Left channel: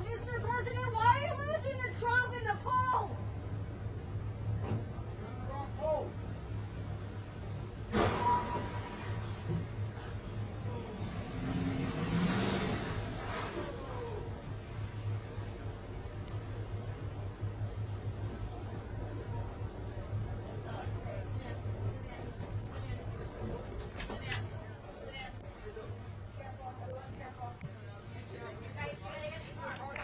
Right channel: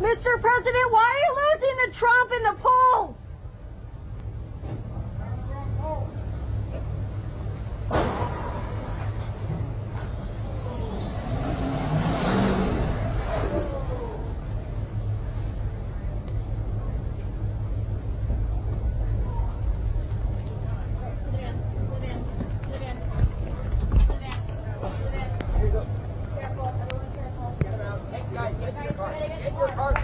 Mr. President, why are you losing to Trump in the polls? Careful, everyone careful. Get him out. Guys, get in your car. Get in your car.